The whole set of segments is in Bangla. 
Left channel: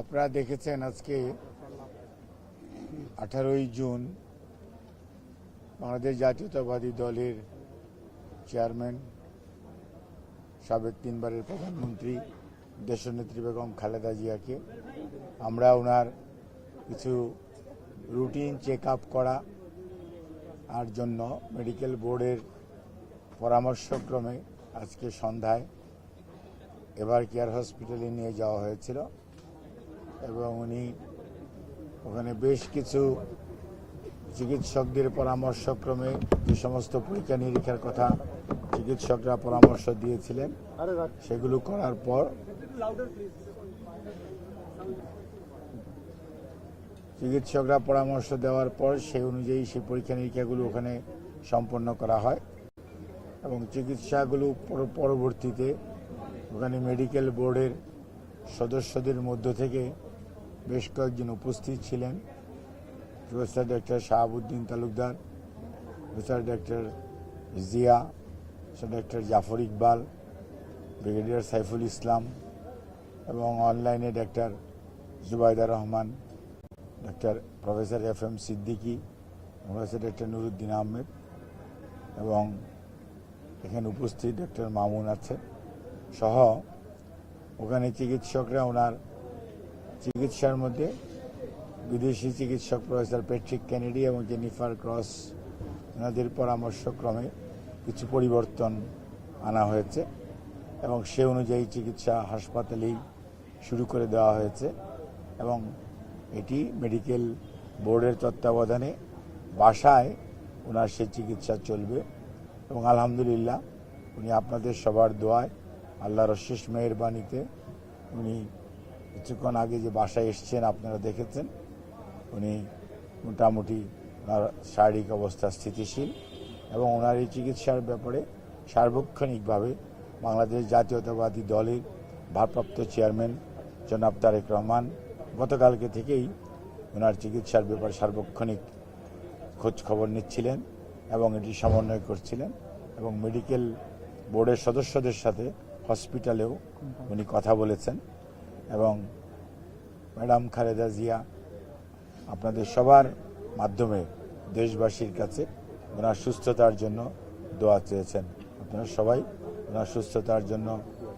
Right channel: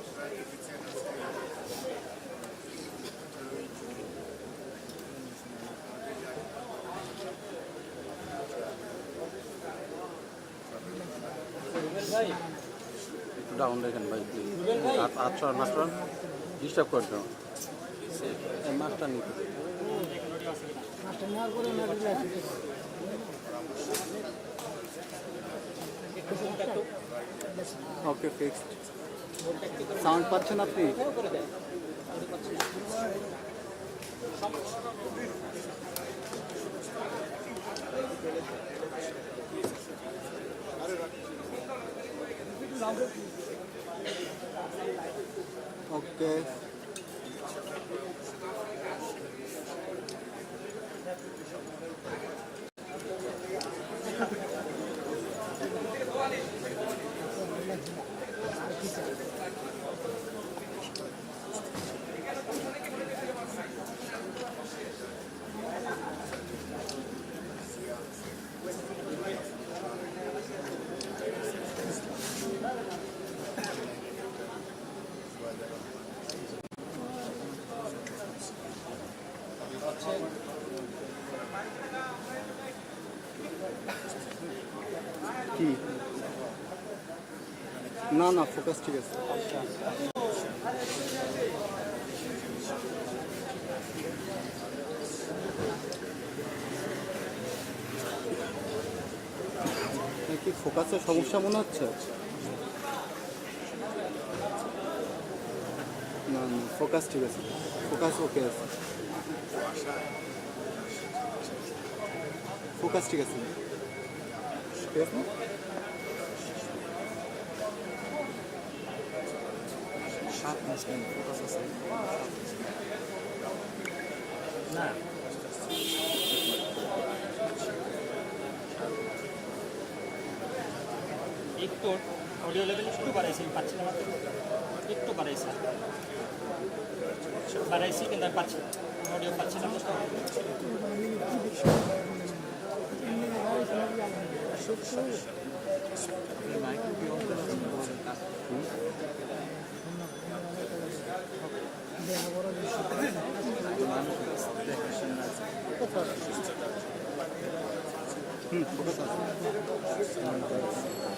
আপনারা দেখেছেন আজকে 18ই জুন আমাদের জাতীয়তাবাদী দলের চেয়ারম্যান সাবেক তিনবারের প্রধানমন্ত্রী দেশনেত্রী বেগম খালেদা জিয়াকে আমরা ওনার কিছু রুটিন চেক আপ করা আর জন্য মেডিকেল বোর্ডের পরামর্শক্রমে আজকে সন্ধ্যায় এবার কেয়ার হসপিটালে নিয়ে যাওয়া হয়েছিল। ওখানে বেশ কিছু চিকিৎসকদের পরামর্শক্রমে যে সমস্ত পরীক্ষা নিরীক্ষার কথা চিকিৎসকরা পরামর্শ দিয়েছিলেন সেগুলো করার পর চিকিৎসকরা পরামর্শ দেওয়ার পর সেই অনুযায়ী সেই পরীক্ষা নিরীক্ষাগুলো ওখানে সম্পন্ন করা হয় এবং চিকিৎসাগুলো পরবর্তীতে ওখানে মেডিকেল বোর্ডের সদস্যদের মধ্যে থেকে বেশ কয়েকজন উপস্থিত ছিলেন। Professor doctor Shahabuddin Talukdar, professor doctor Zia, doctor Jafar Iqbal, brigadier Saiful Islam এবং অনলাইনে doctor Zubaida Rahman, doctor professor F M. Siddiqui, professor doctor Nuruddin Ahmed এবং এখানে উপস্থিত ডক্টর মামুন আছে সহ ওখানে চিকিৎসকরা ওনার চিকিৎসার মধ্যে বিদেশি চিকিৎসক প্রফেসর প্যাট্রিক কেনেডি এবং জেনিফার ক্রস এনাদের পরামর্শক্রমে কিছু পরিবর্তন আনা হয়েছে এবং সে অনুযায়ী চিকিৎসা হাসপাতালে শুরু করে দেওয়া হয়েছে এবং এটি মেডিকেল বোর্ডের তত্ত্বাবধানে বাসায় ওনার সেই চিকিৎসা চলবে এবং আলহামদুলিল্লাহ উনি আপনাদের সবার দোয়ায় আল্লাহর অশেষ মেহেরবানিতে উনি কিছুক্ষণ আগে যে বাসায় এসেছেন আপনারা দেখেছেন উনি মোটামুটি শারীরিক অবস্থা স্থিতিশীল এবং ওনার এই চিকিৎসার ব্যাপারে সার্বক্ষণিকভাবে বাংলাদেশ জাতীয়তাবাদী দলের ভারপ্রাপ্ত চেয়ারম্যান জনাব তারেক রহমান গতকালকে থেকেই ওনার চিকিৎসার ব্যাপারে সার্বক্ষণিক খোঁজ খবর নিচ্ছিলেন এবং এটি সমন্বয় করছিলেন এবং মেডিকেল বোর্ডের সদস্যদের সাথে হসপিটালে উনি কথা বলেছেন এবং ম্যাডাম খালেদা জিয়া আপনাদের সবার মাধ্যমে দেশবাসীর কাছে ওনার সুস্থতার জন্য দোয়া চেয়েছেন এবং সবাই ওনার সুস্থতার জন্য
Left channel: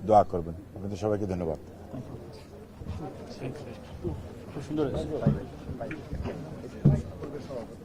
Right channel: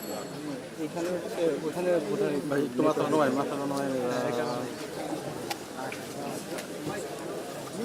দোয়া করবেন। সবাইকে ধন্যবাদ।